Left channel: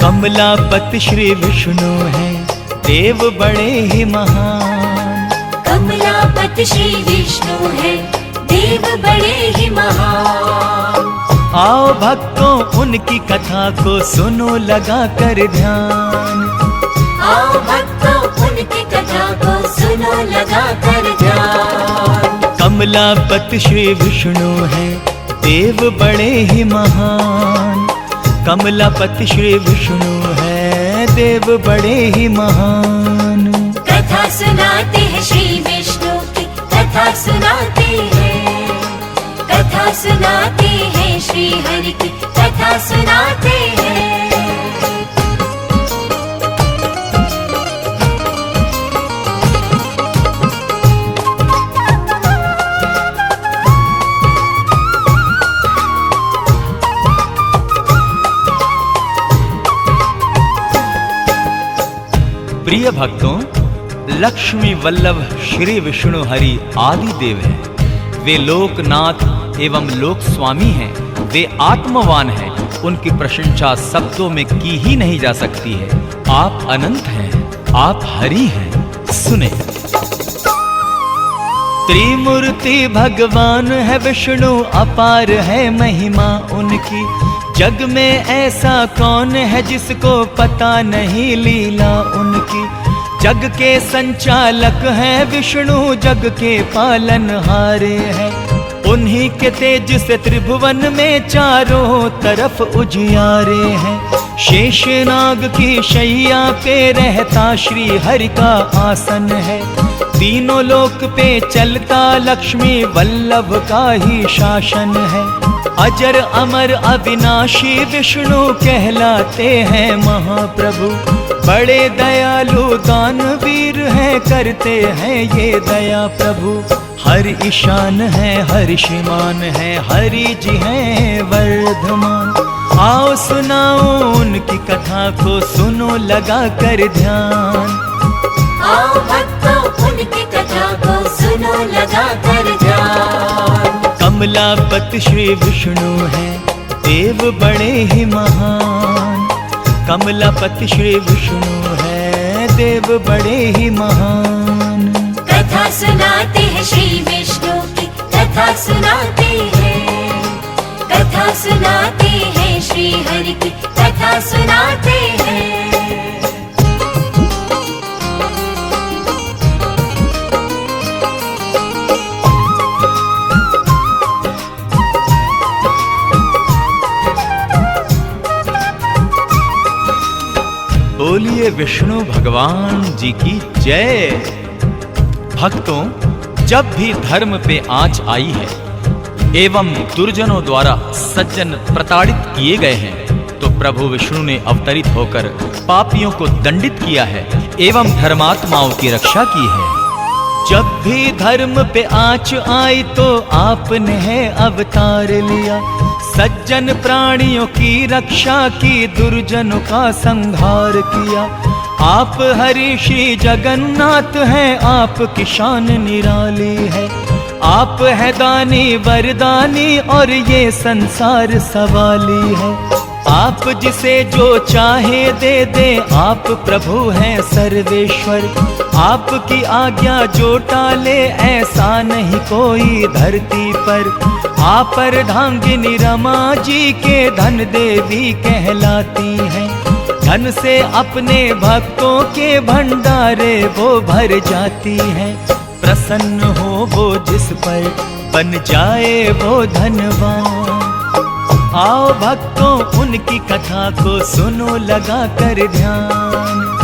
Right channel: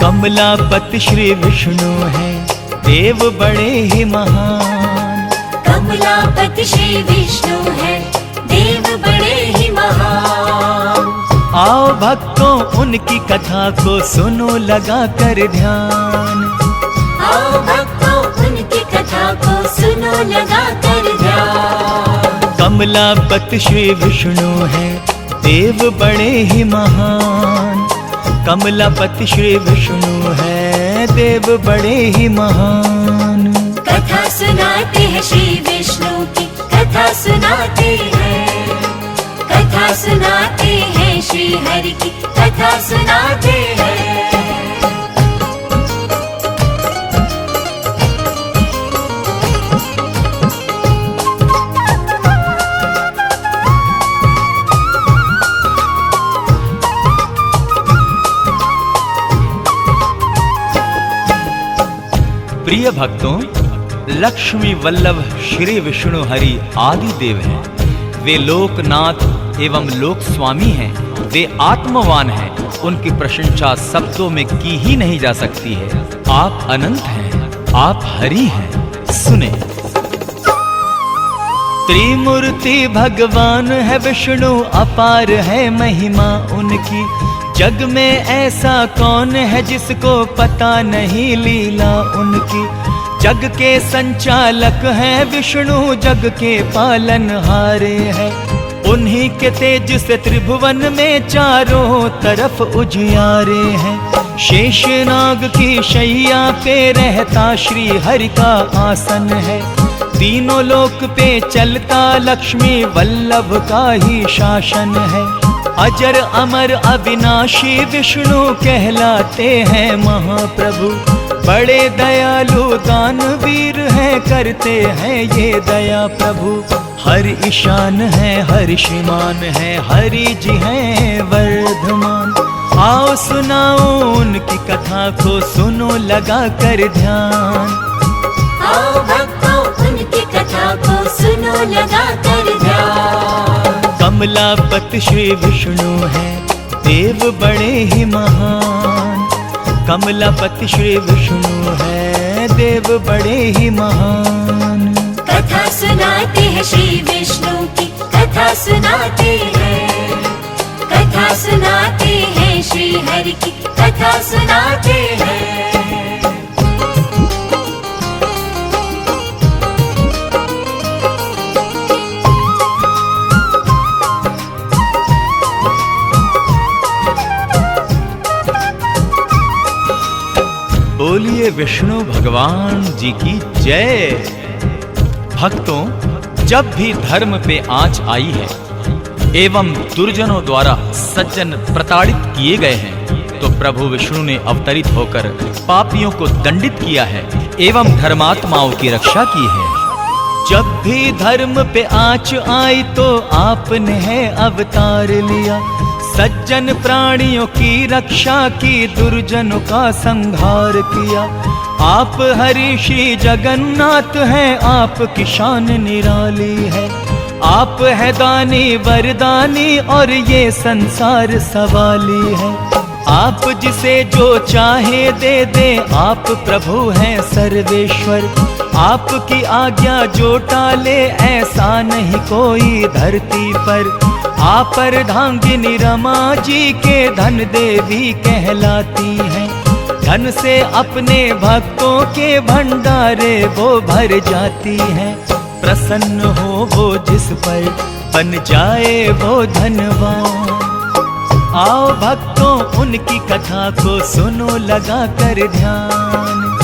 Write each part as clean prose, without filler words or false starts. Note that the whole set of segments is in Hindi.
कमलापति श्री विष्णु हैं, देव बड़े ही महान। कमलापति श्री विष्णु हैं, देव बड़े ही महान। आओ भक्तों उनकी कथा को सुनो लगा कर ध्यान। आओ भक्तों उनकी कथा को सुनो लगा कर ध्यान। कमलापति श्री विष्णु हैं, देव बड़े ही महान। कमलापति श्री विष्णु हैं, देव बड़े ही महान। कथा सुनाते हैं श्री विष्णु की, कथा सुनाते हैं। कथा सुनाते हैं श्री हरि की, कथा सुनाते हैं। प्रिय भक्तों, लक्ष्मी वल्लभ श्री विष्णु हरि आदि देव हैं। वे लोकनाथ एवं लोक स्वामी हैं। वे आत्मवान हैं। उनकी प्रशंसा शब्दों में की ही नहीं जा सकती है। आप अनंत हैं, आप हरि हैं। सुने। त्रिमूर्ति भगवान है विष्णु, अपार है महिमा उनकी। जग में ऐसा कौन है जिसको पता नहीं लीला उनकी। जग के संचालक हैं विष्णु, जग के पालनहारे हैं। उन्हीं के तेज से त्रिभुवन में चारों तरफ उजियारे हैं। शेषनाग की शैया पे रहता श्री हरि का आसन है। तीनों लोक पे चलता लक्ष्मी वल्लभ का ही शासन है। अजर अमर अविनाशी विष्णु कहलाते हैं महाप्रभु। बड़े दयालु दानवीर हैं, करते हैं ये दया प्रभु। हर ईशान है, हर श्रीमान है, हरि जी हैं वर्धमान। आओ सुनाओ उनकी कथा को सुनो लगा कर ध्यान। आओ भक्तों उनकी कथा को सुनो लगा कर ध्यान। कमलापति श्री विष्णु हैं, देव बड़े ही महान। कमलापति श्री विष्णु हैं, देव बड़े ही महान। कथा सुनाते हैं श्री विष्णु की, कथा सुनाते हैं। कथा सुनाते हैं श्री हरि की, कथा सुनाते हैं। बोलिए विष्णु भगवान जी की जय। भक्तों, जब भी धर्म पे आंच आई है एवं दुर्जनों द्वारा सज्जन प्रताड़ित किए गए हैं, तो प्रभु विष्णु ने अवतरित होकर पापियों को दंडित किया है एवं धर्मात्माओं की रक्षा की है। जब भी धर्म पे आंच आई तो आपने है अवतार लिया। सज्जन प्राणियों की रक्षा की, दुर्जनों का संहार किया। आप हरि श्री जगन्नाथ हैं, आपकी शान निराली है। आप है दानी वरदानी और ये संसार सवाली है। आप जिसे जो चाहे दे दे, आप प्रभु हैं सर्वेश्वर। आपकी आज्ञा जो टाले, ऐसा नहीं कोई धरती पर। आप अर्धांगिनी रमा जी के धन देवी कहलाती हैं। धन से अपने भक्तों के भंडारे वो भर जाती हैं। प्रसन्न हो वो जिस पर, बन जाए वो धनवान। आओ भक्तों उनकी कथा को सुनो लगा कर ध्यान।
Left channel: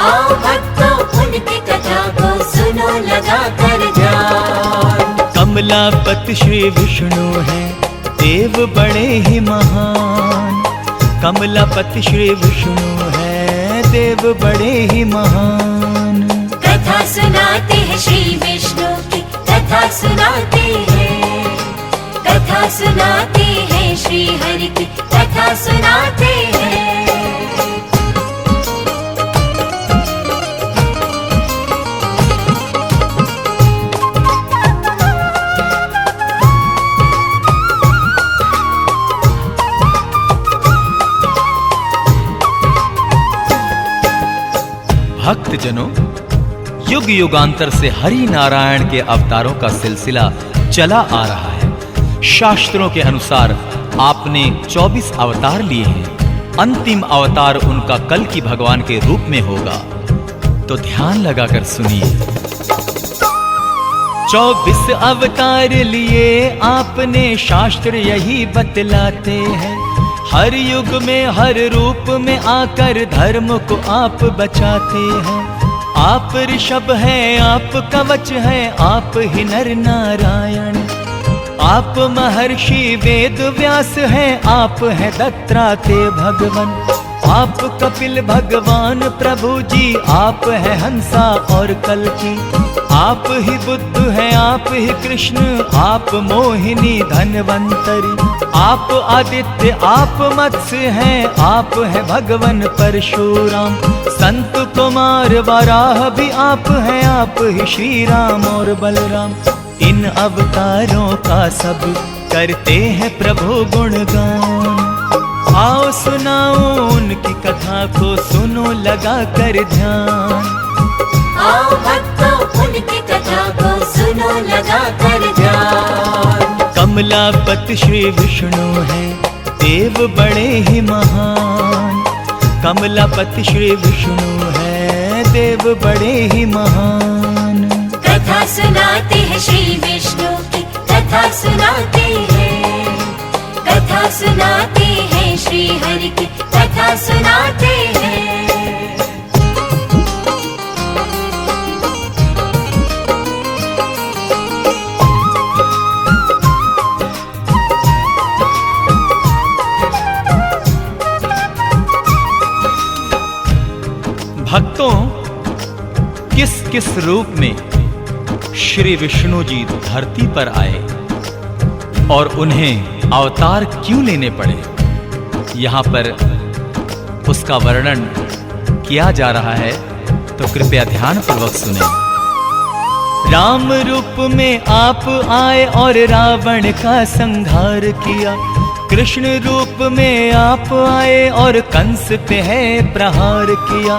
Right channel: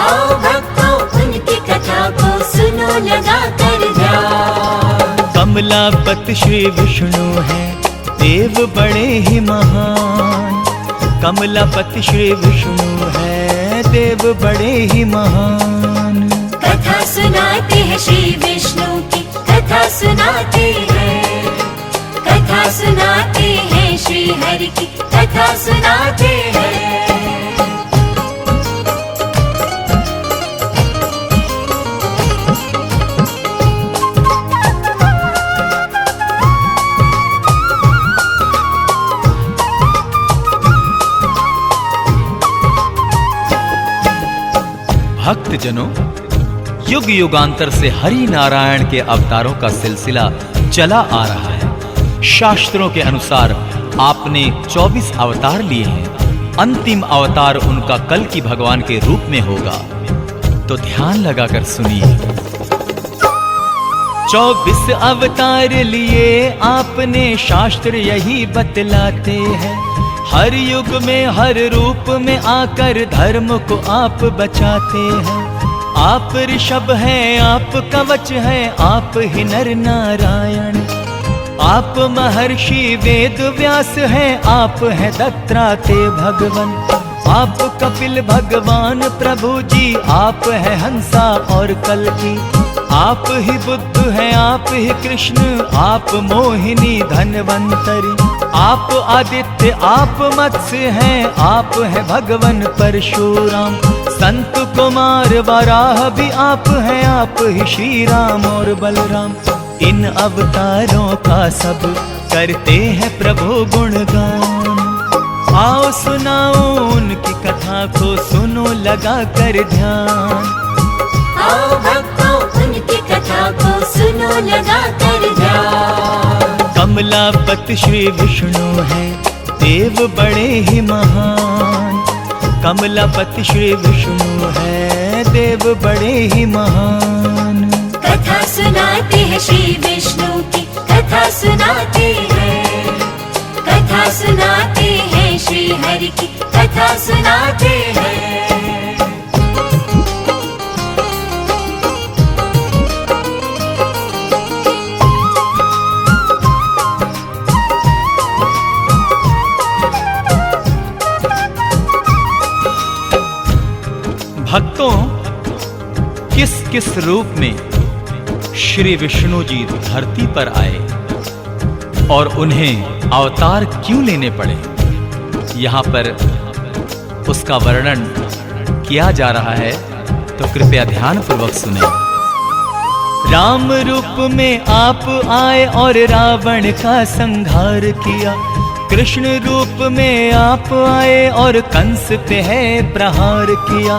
आओ भक्तों उनकी कथा को सुनो लगा कर ध्यान। कमलापति श्री विष्णु हैं, देव बड़े ही महान। कमलापति श्री विष्णु हैं, देव बड़े ही महान। कथा सुनाते हैं श्री विष्णु की, कथा सुनाते हैं। कथा सुनाते हैं श्री हरि की, कथा सुनाते हैं। भक्त जनों, युग युगांतर से हरि नारायण के अवतारों का सिलसिला चला आ रहा है। शास्त्रों के अनुसार आपने 24 अवतार लिए हैं। अंतिम अवतार उनका कल की भगवान के रूप में होगा। तो ध्यान लगाकर सुनिए। 24 अवतार लिए आपने, शास्त्र यही बतलाते हैं। हर युग में हर रूप में आकर धर्म को आप बचाते हैं। आप ऋषभ हैं, आप कवच हैं, आप ही नर नारायण। आप महर्षि वेद व्यास हैं, आप हैं दत्तात्रेय भगवान। आप कपिल भगवान प्रभु जी, आप हैं हंसा और कल्की। आप ही बुद्ध हैं, आप ही कृष्ण, आप मोहिनी धनवंतरी। आप आदित्य, आप मत्स्य हैं, आप हैं भगवान परशुराम। संत कुमार वराह भी आप हैं, आप ही श्री राम और बलराम। इन अवतारों का सब करते हैं प्रभु गुणगान। आओ सुनाओ उनकी कथा को, सुनो लगा कर ध्यान। आओ भक्तों उनकी कथा को सुनो लगा कर ध्यान। कमलापति श्री विष्णु हैं, देव बड़े ही महान। कमलापति श्री विष्णु हैं, देव बड़े ही महान। कथा सुनाते हैं श्री विष्णु की, कथा सुनाते हैं। कथा सुनाते हैं श्री हरि की, कथा सुनाते हैं। भक्तों, किस किस रूप में श्री विष्णु जी धरती पर आए और उन्हें अवतार क्यों लेने पड़े, यहाँ पर उसका वर्णन किया जा रहा है। तो कृपया ध्यान पूर्वक सुने। राम रूप में आप आए और रावण का संहार किया। कृष्ण रूप में आप आए और कंस पे है प्रहार किया।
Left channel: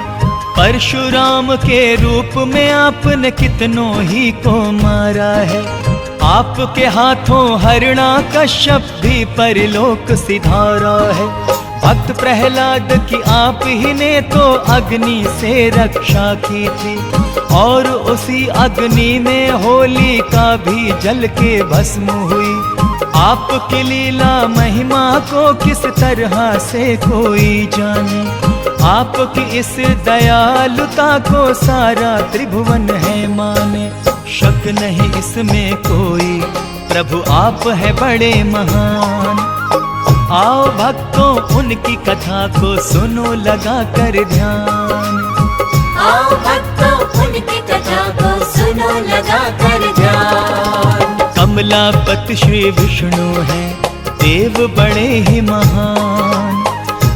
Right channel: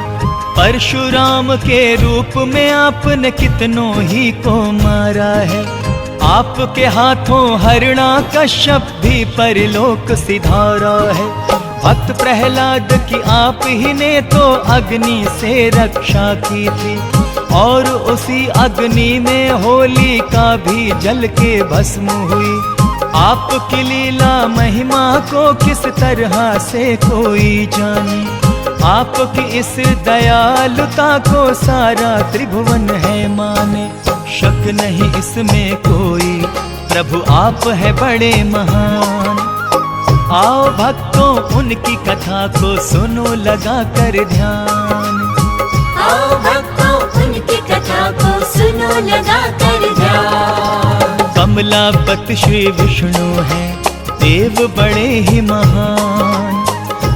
परशुराम के रूप में आपने कितनों ही को मारा है। आपके हाथों हिरण्यकश्यप भी परलोक सिधारा है। भक्त प्रहलाद की आप ही ने तो अग्नि से रक्षा की थी, और उसी अग्नि में होलिका भी जल के भस्म हुई। आपकी लीला महिमा को किस तरह से कोई जाने। आपकी इस दयालुता को सारा त्रिभुवन है माने। शक नहीं इसमें कोई, प्रभु आप है बड़े महान। आओ भक्तों उनकी कथा को सुनो लगा कर ध्यान। आओ भक्तों उनकी कथा को सुनो लगा कर ध्यान। कमलापति श्री विष्णु हैं, देव बड़े ही महान।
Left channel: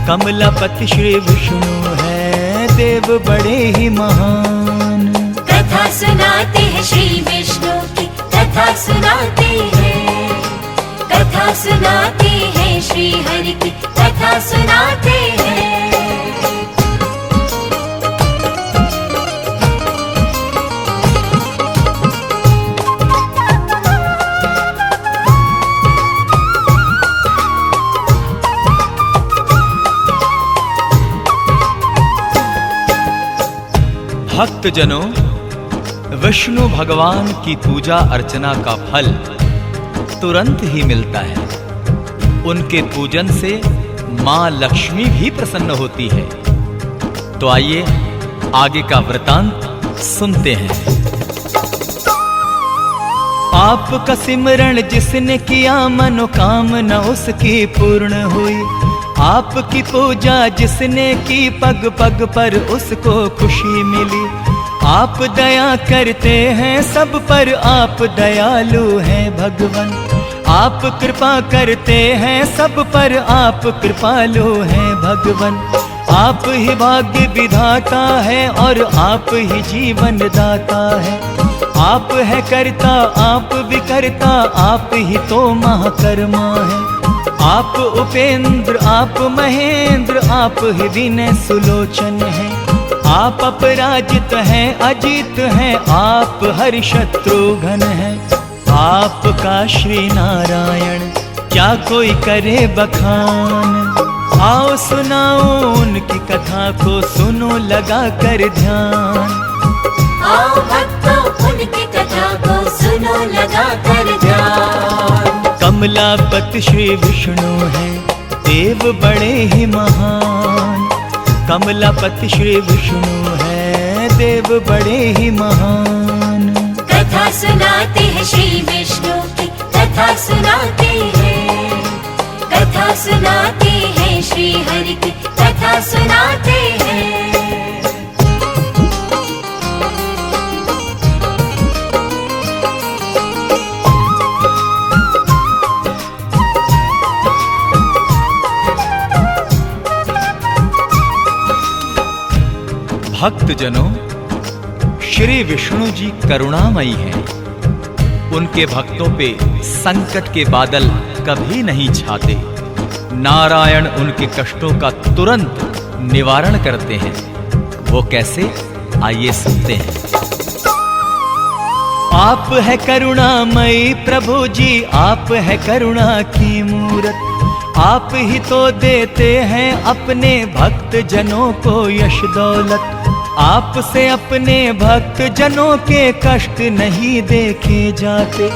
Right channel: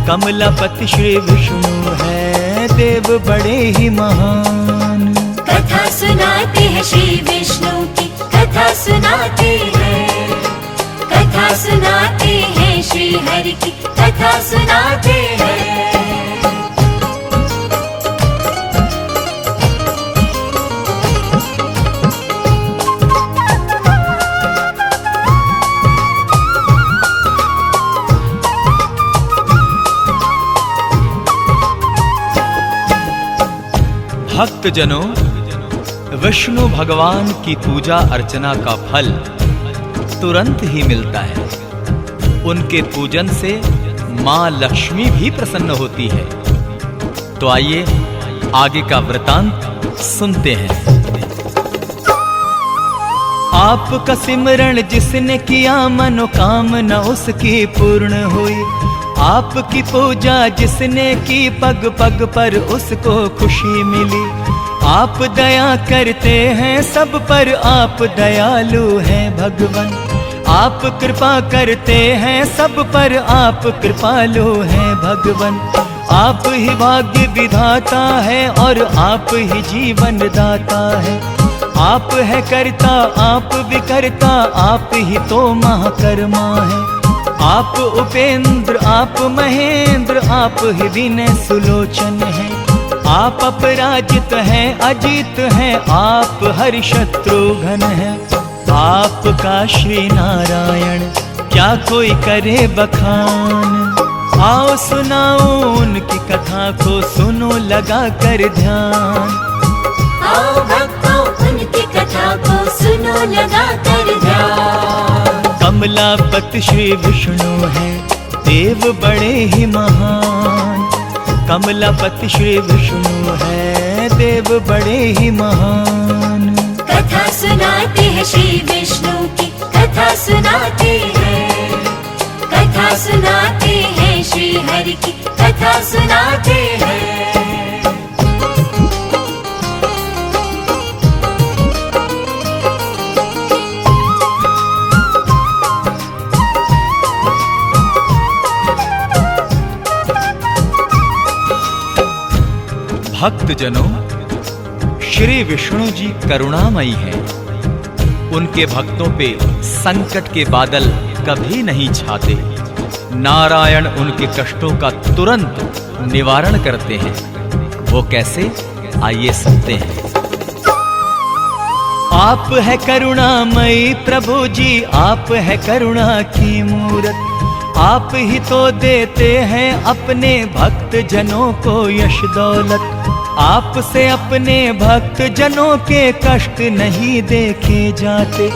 कमलापति श्री विष्णु हैं, देव बड़े ही महान। कथा सुनाते हैं श्री विष्णु की, कथा सुनाते हैं। कथा सुनाते हैं श्री हरि की, कथा सुनाते हैं। भक्तजनों, विष्णु भगवान की पूजा अर्चना का फल तुरंत ही मिलता है। उनके पूजन से मां लक्ष्मी भी प्रसन्न होती है। तो आइए आगे का वृतांत सुनते हैं। आपका सिमरण जिसने किया मनोकामना उसकी पूर्ण हुई। आपकी पूजा जिसने की पग पग पर उसको खुशी मिली। आप दया करते हैं सब पर, आप दयालु हैं भगवान। आप कृपा करते हैं सब पर, आप कृपालु हैं भगवान। आप ही भाग्य विधाता है और आप ही जीवन दाता है। आप है करता, आप विकर्ता, आप ही तो महाकर्मा है। आप उपेंद्र, आप महेंद्र, आप ही विनय सुलोचन है। आप अपराजित हैं, अजित हैं, आप हरि शत्रुघ्न हैं। आपका श्री नारायण क्या कोई करे बखान। आओ सुनाओ उनकी कथा को, सुनो लगा कर ध्यान। आओ भक्तों उनकी कथा को सुनो लगा कर ध्यान। कमलापति श्री विष्णु हैं, देव बड़े ही महान। कमलापति श्री विष्णु हैं, देव बड़े ही महान। कथा सुनाते हैं श्री विष्णु की, कथा सुनाते हैं। कथा सुनाते हैं श्री हरि की, कथा सुनाते हैं। भक्तजनों, श्री विष्णु जी करुणामयी हैं। उनके भक्तों पे संकट के बादल कभी नहीं छाते। नारायण उनके कष्टों का तुरंत निवारण करते हैं। वो कैसे, आइए सुनते हैं। आप है करुणामयी प्रभु जी, आप है करुणा की मूरत। आप ही तो देते हैं अपने भक्त जनों को यश दौलत। आपसे अपने भक्त जनों के कष्ट नहीं देखे जाते।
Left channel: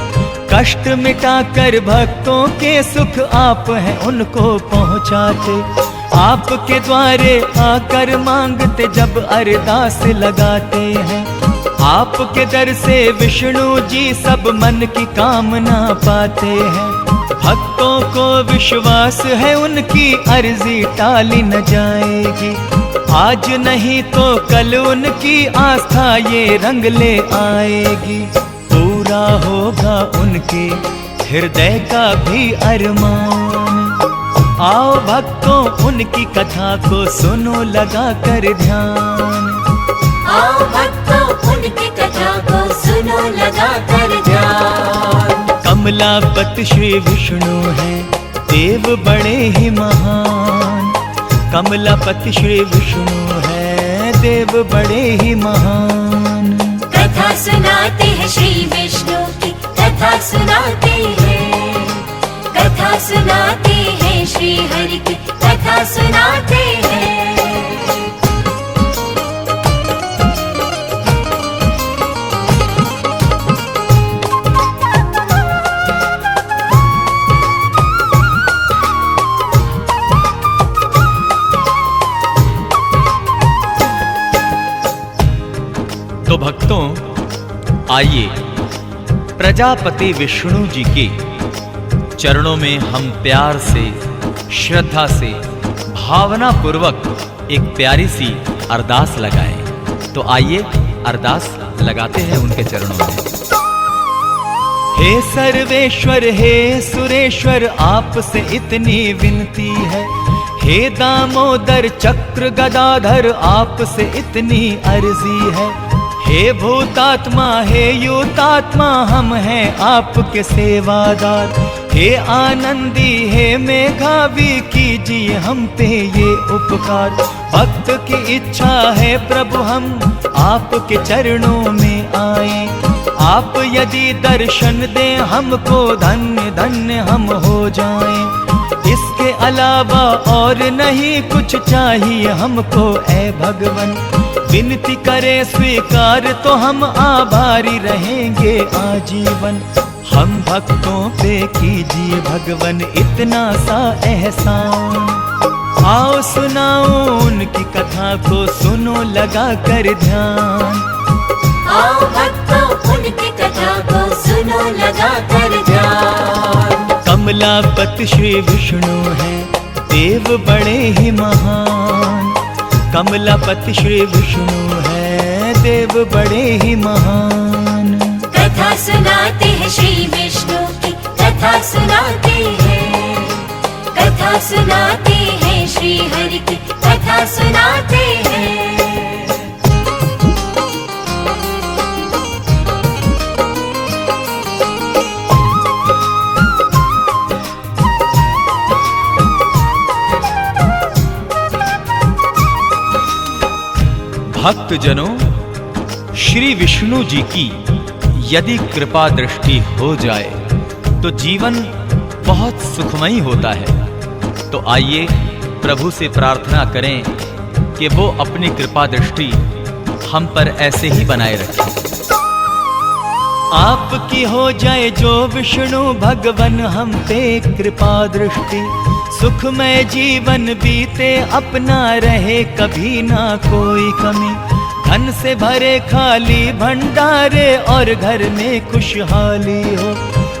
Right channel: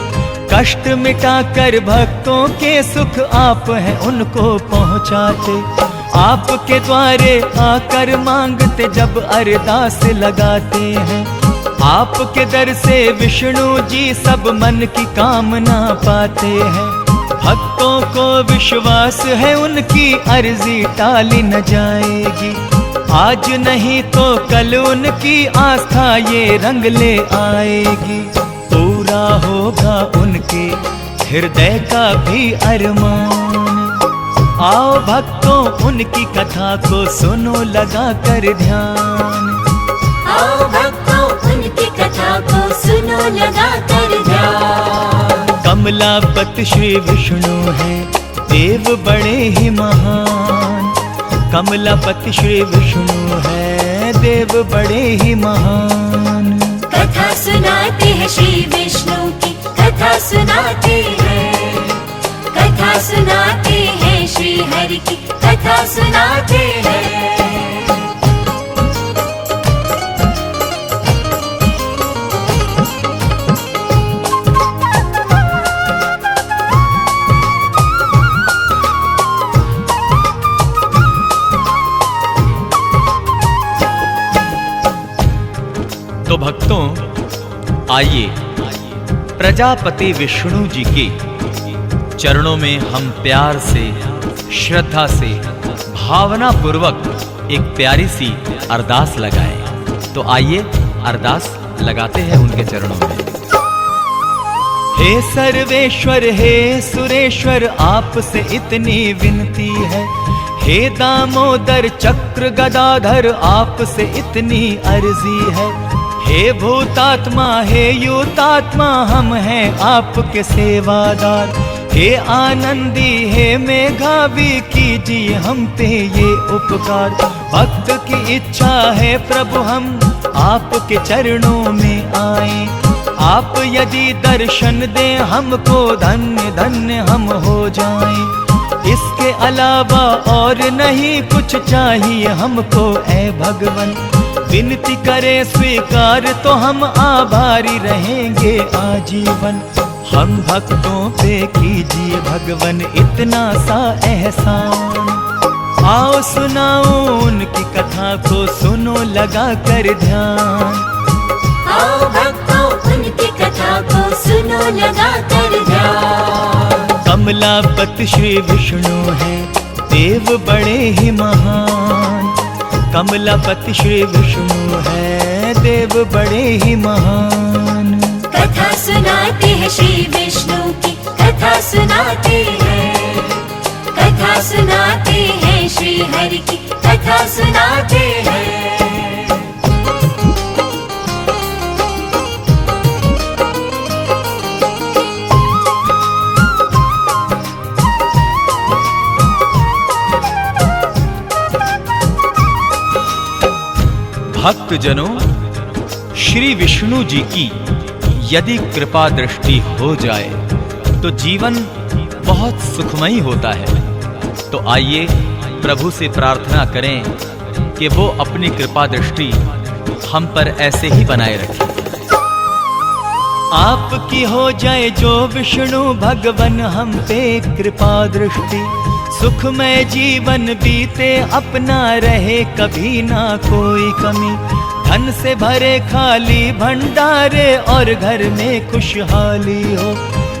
कष्ट मिटाकर भक्तों के सुख आप हैं उनको पहुंचाते। आपके द्वारे आकर मांगते जब अरदास लगाते हैं। आपके दर से विष्णु जी सब मन की कामना पाते हैं। भक्तों को विश्वास है उनकी अर्जी टाली न जाएगी। आज नहीं तो कल उनकी आस्था ये रंग ले आएगी। पूरा होगा उनके हृदय का भी अरमान। आओ भक्तों उनकी कथा को सुनो लगा कर ध्यान। आओ भक्तों उनकी कथा को सुनो लगा कर ध्यान। कमलापति श्री विष्णु हैं, देव बड़े ही महान। कमलापति श्री विष्णु हैं, देव बड़े ही महान। कथा सुनाते हैं श्री विष्णु की, कथा सुनाते हैं। कथा सुनाते हैं श्री हरि की, कथा सुनाते हैं। तो भक्तों, आइए प्रजापति विष्णु जी के चरणों में हम प्यार से, श्रद्धा से, भावना पूर्वक एक प्यारी सी अरदास लगाएं। तो आइए अरदास लगाते हैं उनके चरणों में। हे सर्वेश्वर, हे सुरेश्वर, आपसे इतनी विनती है। हे दामोदर चक्र गदाधर, आपसे इतनी अर्जी है। हे भूतात्मा, हे युतात्मा, हम हैं आपके सेवादार। हे आनंदी, हे मेघावी, कीजिए हम पे ये उपकार। भक्त की इच्छा है प्रभु हम आपके चरणों में आए। आप यदि दर्शन दें हमको, धन्य धन्य हम हो जाएं। इसके अलावा और नहीं कुछ चाहिए हमको ऐ भगवन। विनती करे स्वीकार तो हम आभारी रहेंगे आजीवन। हम भक्तों पे कीजिए भगवन इतना सा एहसान। आओ सुनाओ उनकी कथा को, सुनो लगा कर ध्यान। आओ भक्तों उनकी कथा को सुनो लगा कर ध्यान। कमलापति श्री विष्णु हैं, देव बड़े ही महान। कमलापति श्री विष्णु हैं, देव बड़े ही महान। कथा सुनाते हैं श्री विष्णु की, कथा सुनाते हैं। कथा सुनाते हैं श्री हरि की, कथा सुनाते हैं। भक्तजनों, श्री विष्णु जी की यदि कृपा दृष्टि हो जाए तो जीवन बहुत सुखमयी होता है। तो आइए प्रभु से प्रार्थना करें कि वो अपनी कृपा दृष्टि हम पर ऐसे ही बनाए रखें। आपकी हो जाए जो विष्णु भगवन हम पे कृपा दृष्टि, सुखमय जीवन बीते अपना रहे कभी ना कोई कमी, धन से भरे खाली भंडारे और घर में खुशहाली हो,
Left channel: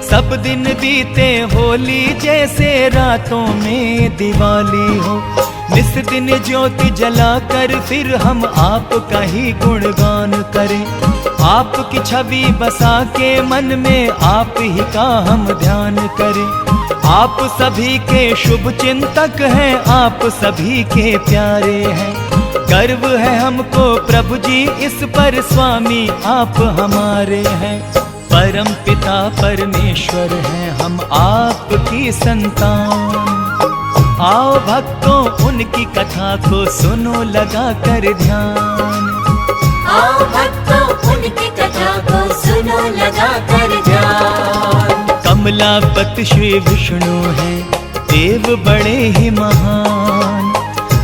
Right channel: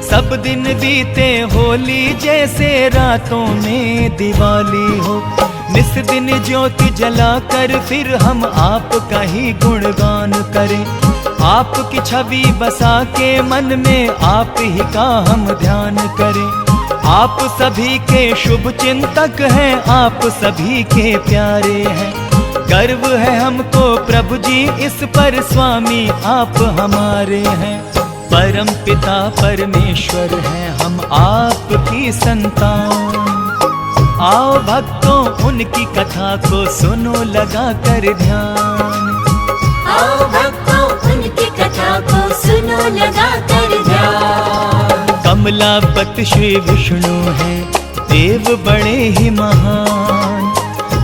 सब दिन बीते होली जैसे रातों में दिवाली हो, निस दिन ज्योति जलाकर फिर हम आपका ही गुणगान करें, आपकी छवि बसा के मन में आप ही का हम ध्यान करें। आप सभी के शुभ चिंतक हैं, आप सभी के प्यारे हैं, गर्व है हमको प्रभु जी इस पर, स्वामी आप हमारे हैं, परम पिता परमेश्वर हैं हम आपकी संतान। आओ भक्तों उनकी कथा को सुनो लगा कर ध्यान, आओ भक्तों उनकी कथा को सुनो लगा कर ध्यान। कमलापति श्री विष्णु हैं देव बड़े ही महान,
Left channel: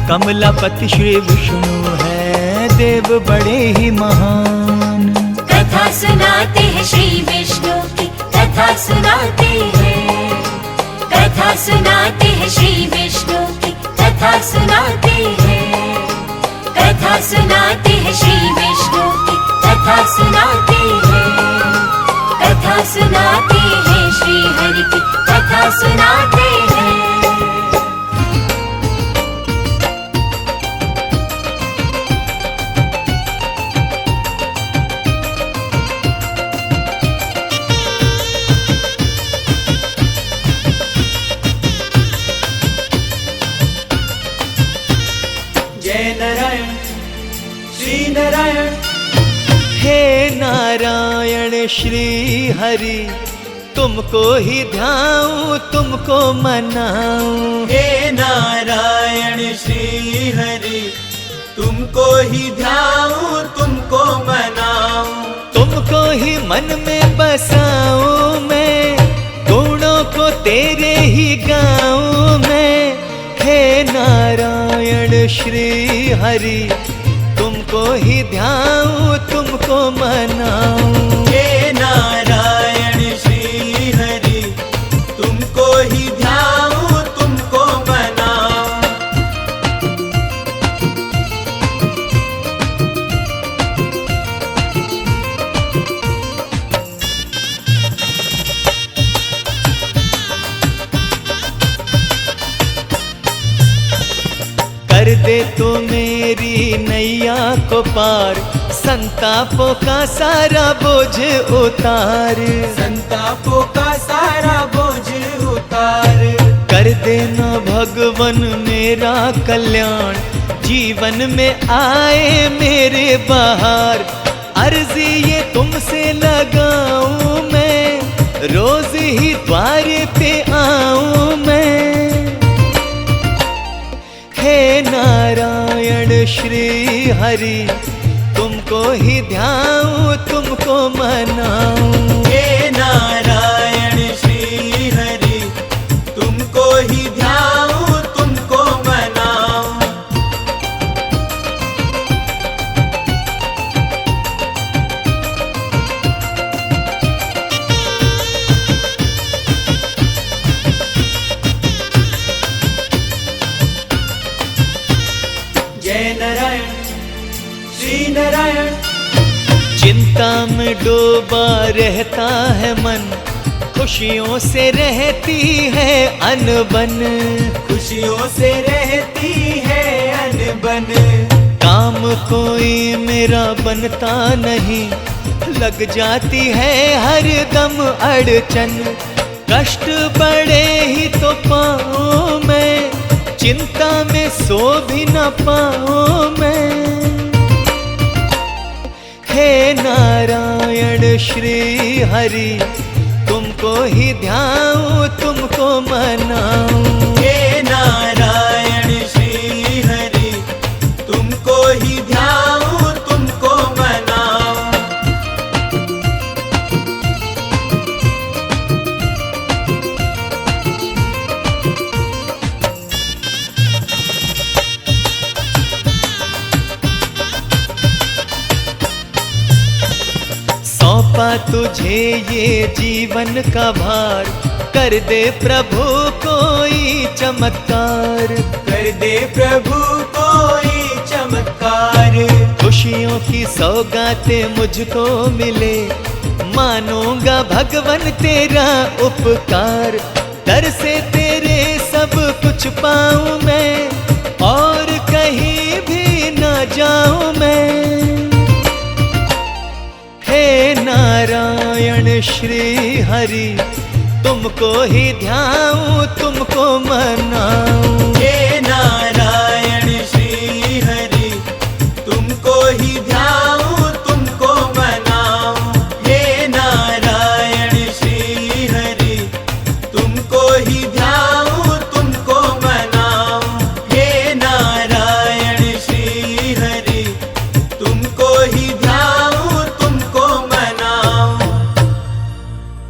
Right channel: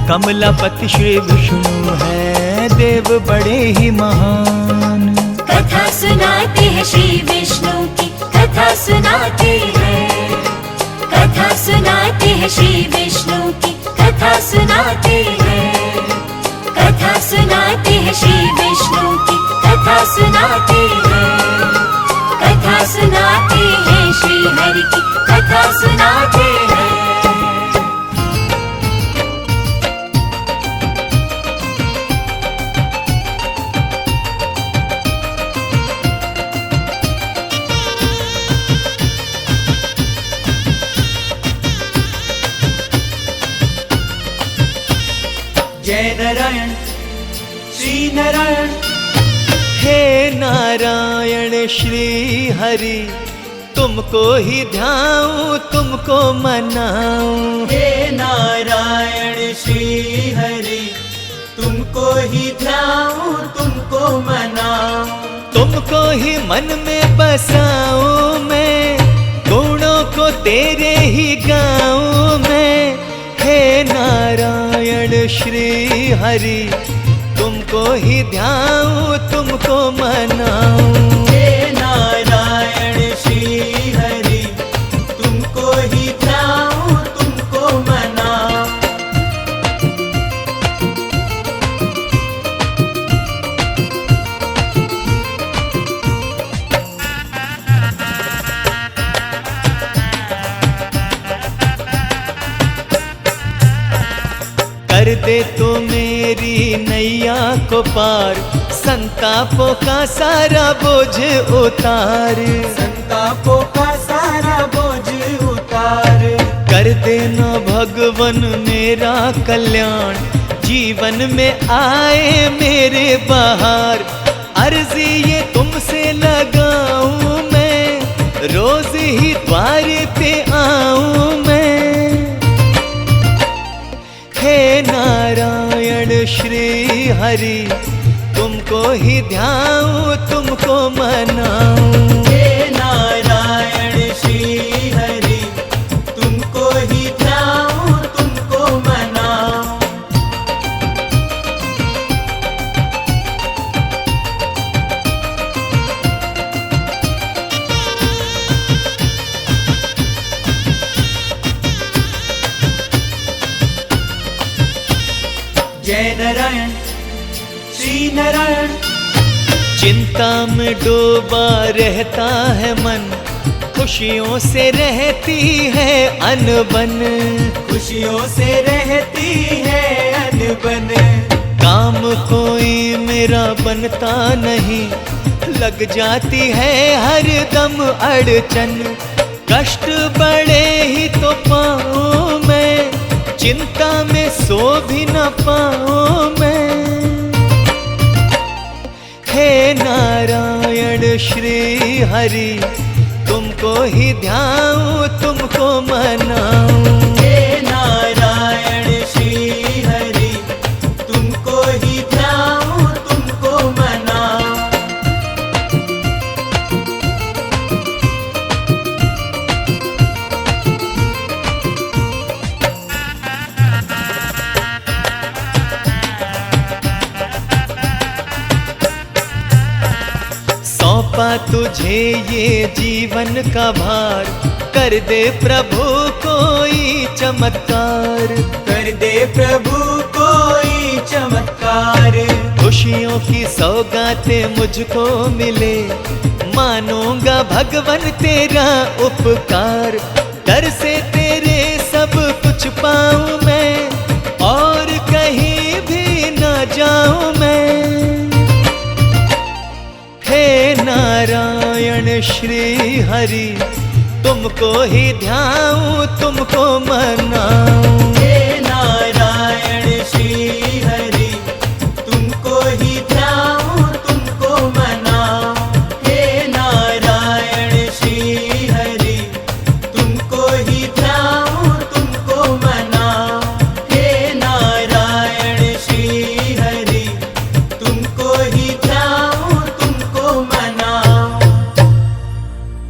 कमलापति श्री विष्णु हैं देव बड़े ही महान। कथा सुनाते हैं श्री विष्णु की, कथा सुनाते हैं, कथा सुनाते हैं श्री विष्णु की, कथा सुनाते हैं, कथा सुनाते हैं श्री विष्णु की, कथा सुनाते हैं, कथा सुनाते हैं श्री हरि की, कथा सुनाते हैं। जय नारायण श्री नारायण, हे नारायण श्री हरि, तुमको ही ध्याऊं तुमको मनाऊं, हे नारायण श्री हरि, तुमको ही ध्याऊं तुमको मनाऊं, तुमको ही मन में बसाऊं मैं, गुणों को तेरे ही गाऊं मैं, हे नारायण श्री हरि, तुमको ही ध्याऊं तुमको मनाऊं, हे नारायण श्री हरि, तुमको ही ध्याऊं तुमको मनाऊं। कर दे तो मेरी नैया को पार, संतापों का सारा बोझ उतार, संतापों का सारा बोझ उतार, कर देना भगवन मेरा कल्याण, जीवन में आए मेरे बहार, अर्जी ये तुमसे लगाऊं मैं, रोज ही द्वार पे आऊं मैं, हे नारायण श्री हरि, तुमको ही ध्याऊं तुमको मनाऊं, हे नारायण श्री हरि, तुमको ही ध्याऊं तुमको मनाऊं। जय नारायण श्री नारायण, चिंता में डूबा रहता है मन, खुशियों से रहती है अनबन, खुशियों से रहती है अनबन, काम कोई मेरा बनता नहीं, लग जाती है हर दम अड़चन, कष्ट बड़े ही तो पाऊं मैं, चिंता में सो भी न पाऊं मैं, हे नारायण श्री हरि, तुमको ही ध्याऊं तुमको मनाऊं, हे नारायण श्री हरि, तुमको ही ध्याऊं सौंपा तुझे ये जीवन का भार, कर दे प्रभु कोई चमत्कार, कर दे प्रभु कोई चमत्कार। खुशियों की सौगातें मुझको मिले, मानूंगा भगवन तेरा उपकार। दर से तेरे सब कुछ पाऊं मैं, और कहीं भी न जाऊं मैं। हे नारायण श्री हरि, तुमको ही ध्याऊं तुमको मनाऊं।